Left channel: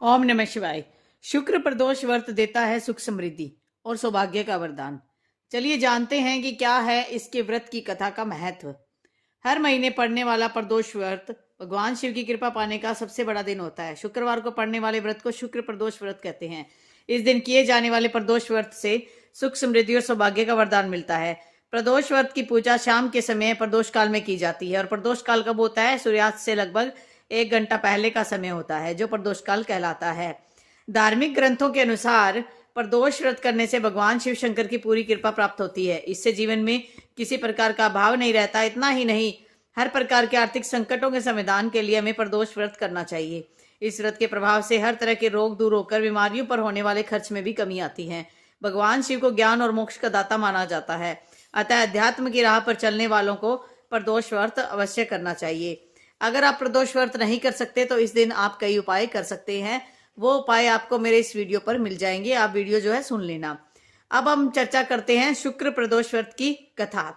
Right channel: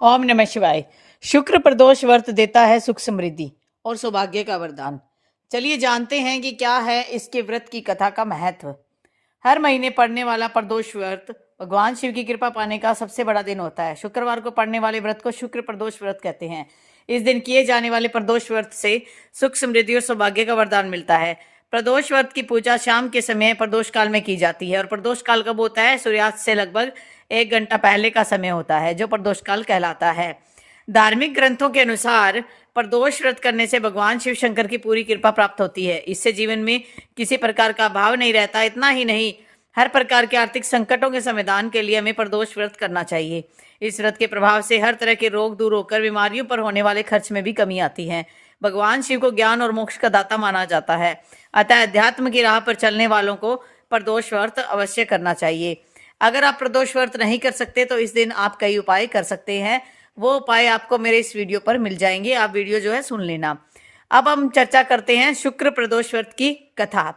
ओम नमः शिवाय। शुक्र प्रदोष व्रत देता है सुख समृद्धि और सौभाग्य का वरदान। चलिए जानते हैं कि क्या है इसके व्रत की कथा का महत्व। हर महीने पड़ने वाला प्रदोष व्रत भगवान शिव की कृपा पाने का सबसे बड़ा दिन होता है। शुक्रवार को पड़ने वाले व्रत को शुक्र प्रदोष व्रत कहते हैं। इस दिन किए जाने वाले प्रदोष व्रत से सुख समृद्धि और सौभाग्य का वरदान मिलता है। प्रदोष व्रत की पूजा शाम के समय प्रदोष काल में की जाती है और प्रदोष काल कब होता है? सूर्यास्त से लगभग 1 घंटा पहले का समय होता है, जो प्रदोष काल कहलाता है। धार्मिक ग्रंथों के अनुसार प्रदोष व्रत करने से भगवान शिव शंकर की पूरी कृपा प्राप्त होती है। इससे जीवन में किसी प्रकार का अभाव नहीं रहता। इतना ही नहीं, हर प्रकार के आर्थिक संकटों के समाधान के लिए हमें प्रदोष व्रत करना चाहिए। इस व्रत के प्रभाव से हर तरह के रोग दूर होकर बीमारियों पर होने वाले खर्च में भी कमी आती है। भगवान शिव को ज्ञान और मोक्ष का दाता माना जाता है, अतः अध्यात्म की राह पर चलने वालों को प्रदोष व्रत अवश्य करना चाहिए। अगर आप प्रदोष व्रत नहीं कर सकते तो इस दिन आप कई उपाय कर सकते हैं। वो उपाय आपको मेरे इस वीडियो पर मिल जाएंगे, आप वीडियो जो है सुन लेना। अब हम चर्चा करते हैं शुक्र प्रदोष व्रत की कथा।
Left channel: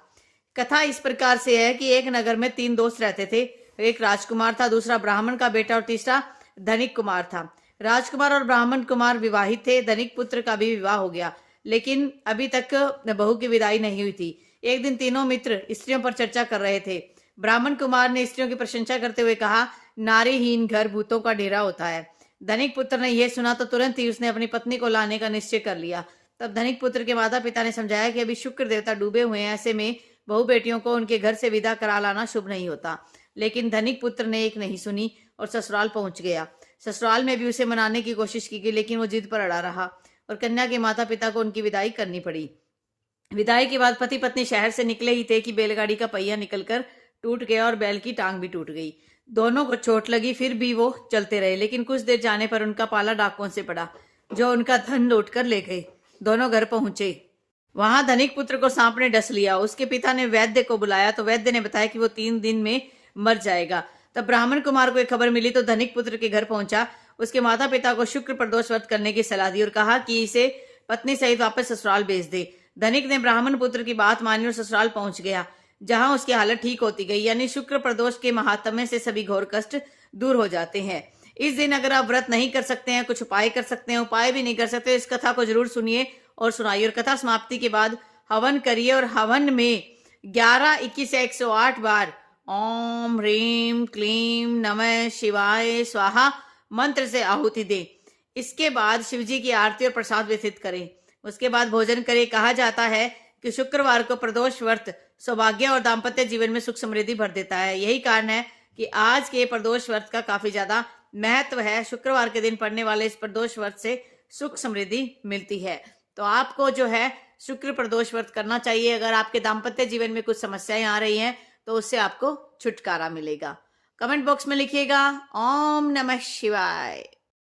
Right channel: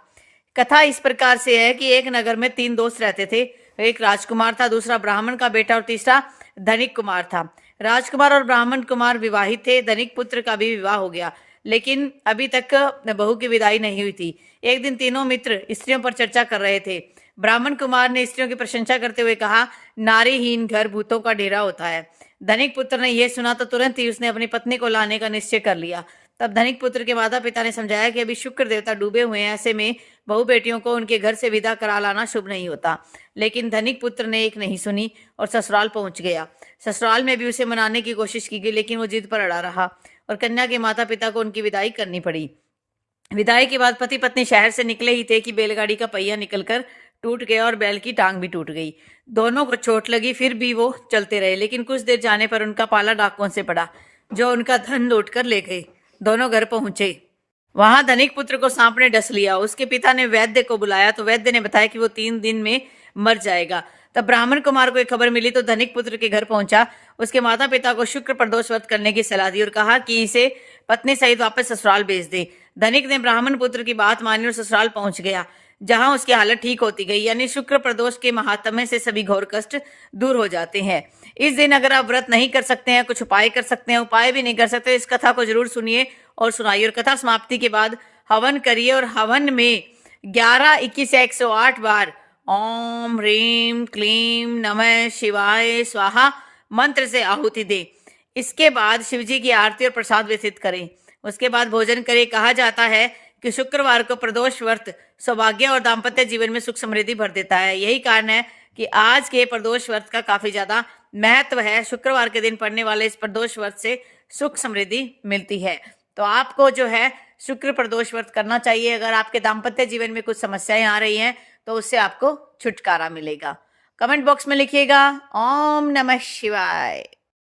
कथा इस प्रकार से है कि एक नगर में 3 दोस्त रहते थे। एक राजकुमार था, दूसरा ब्राह्मण का बेटा और तीसरा धनिक कुमार था। राजकुमार और ब्राह्मण कुमार विवाहित थे। धनिक पुत्र का भी विवाह हो गया, लेकिन अभी तक बहू की विदाई नहीं हुई थी। एक दिन तीनों मित्र स्त्रियों पर चर्चा कर रहे थे। ब्राह्मण कुमार ने स्त्रियों की प्रशंसा करते हुए कहा, नारीहीन घर भूतों का डेरा होता है। धनिक पुत्र ने यह सुना तो तुरंत ही उसने अपनी पत्नी को लाने का निश्चय कर लिया। तब धनिक पुत्र के माता पिता ने समझाया कि अभी शुक्र देवता डूबे हुए हैं, ऐसे में बहू बेटियों को उनके घर से विदा करा लाना शुभ नहीं होता। लेकिन धनिक पुत्र ने एक नहीं सुनी और ससुराल पहुंच गया। ससुराल में भी उसे मनाने की कोशिश की गई, लेकिन वो जिद पर अड़ा रहा और कन्या के माता पिता को उनकी विदाई करनी पड़ी। विदाई के बाद पति पत्नी शहर से निकले ही थे कि बैलगाड़ी का पहिया निकलकर टूट गया और बैल की टांग भी टूट गई। दोनों को चोट लगी, फिर भी वो चलते रहे, लेकिन कुछ देर जाने पर उनका पाला डाकुओं से पड़ा, जो उनका धन लूट कर ले गए। दोनों घर पहुंचे। वहां धनिक पुत्र को सांप ने डस लिया। उसके पिता ने वैद्य को बुलाया तो वैद्य ने बताया कि वो 3 दिन में मर जाएगा। तब ब्राह्मण कुमार को एक खबर मिली तो धनिक पुत्र के घर पहुंचा। उसके माता पिता को शुक्र प्रदोष व्रत करने की सलाह दी और कहा कि इसे पत्नी सहित वापस ससुराल भेज दे। धनिक ने ब्राह्मण पुत्र की बात मानी और ससुराल पहुंच गया, जहां उसकी हालत ठीक होती गई। यानी शुक्र प्रदोष के महात्म्य से सभी घोर कष्ट दूर हो जाते हैं। इस दिन अगर आप व्रत नहीं कर सकते हैं, कुछ उपाय कर सकते हैं, उपाय भी नहीं कर सकते, इस कथा को जरूर सुनिए और सुनाइए। और कथा समाप्ति के बाद हवन करिए और हवन में 11, 21 या 108 बार ओम ह्रीम क्लीम नमः शिवाय स्वाहा मंत्र से आहुति दें। इसके बाद शिवजी की आरती और प्रसाद वितरित करें। उसके बाद भोजन करें। कहा जाता है कि शुक्रवार को प्रदोष व्रत सौभाग्य और दाम्पत्य जीवन में सुख समृद्धि भर देता है। यही कारण है कि आज के प्रदोष व्रत का काफी ज्यादा महत्व है। शुक्रवार के दिन पड़ने वाले इस प्रदोष व्रत से सुख समृद्धि मिलती है। तो आपको जो है शुक्र प्रदोष व्रत करना चाहिए। अगर आपके दाम्पत्य जीवन में कुछ समस्याएं आ रही हैं तो उससे आपको छुटकारा मिलेगा। कमेंट बॉक्स में लिखिएगा ओम नमः शिवाय।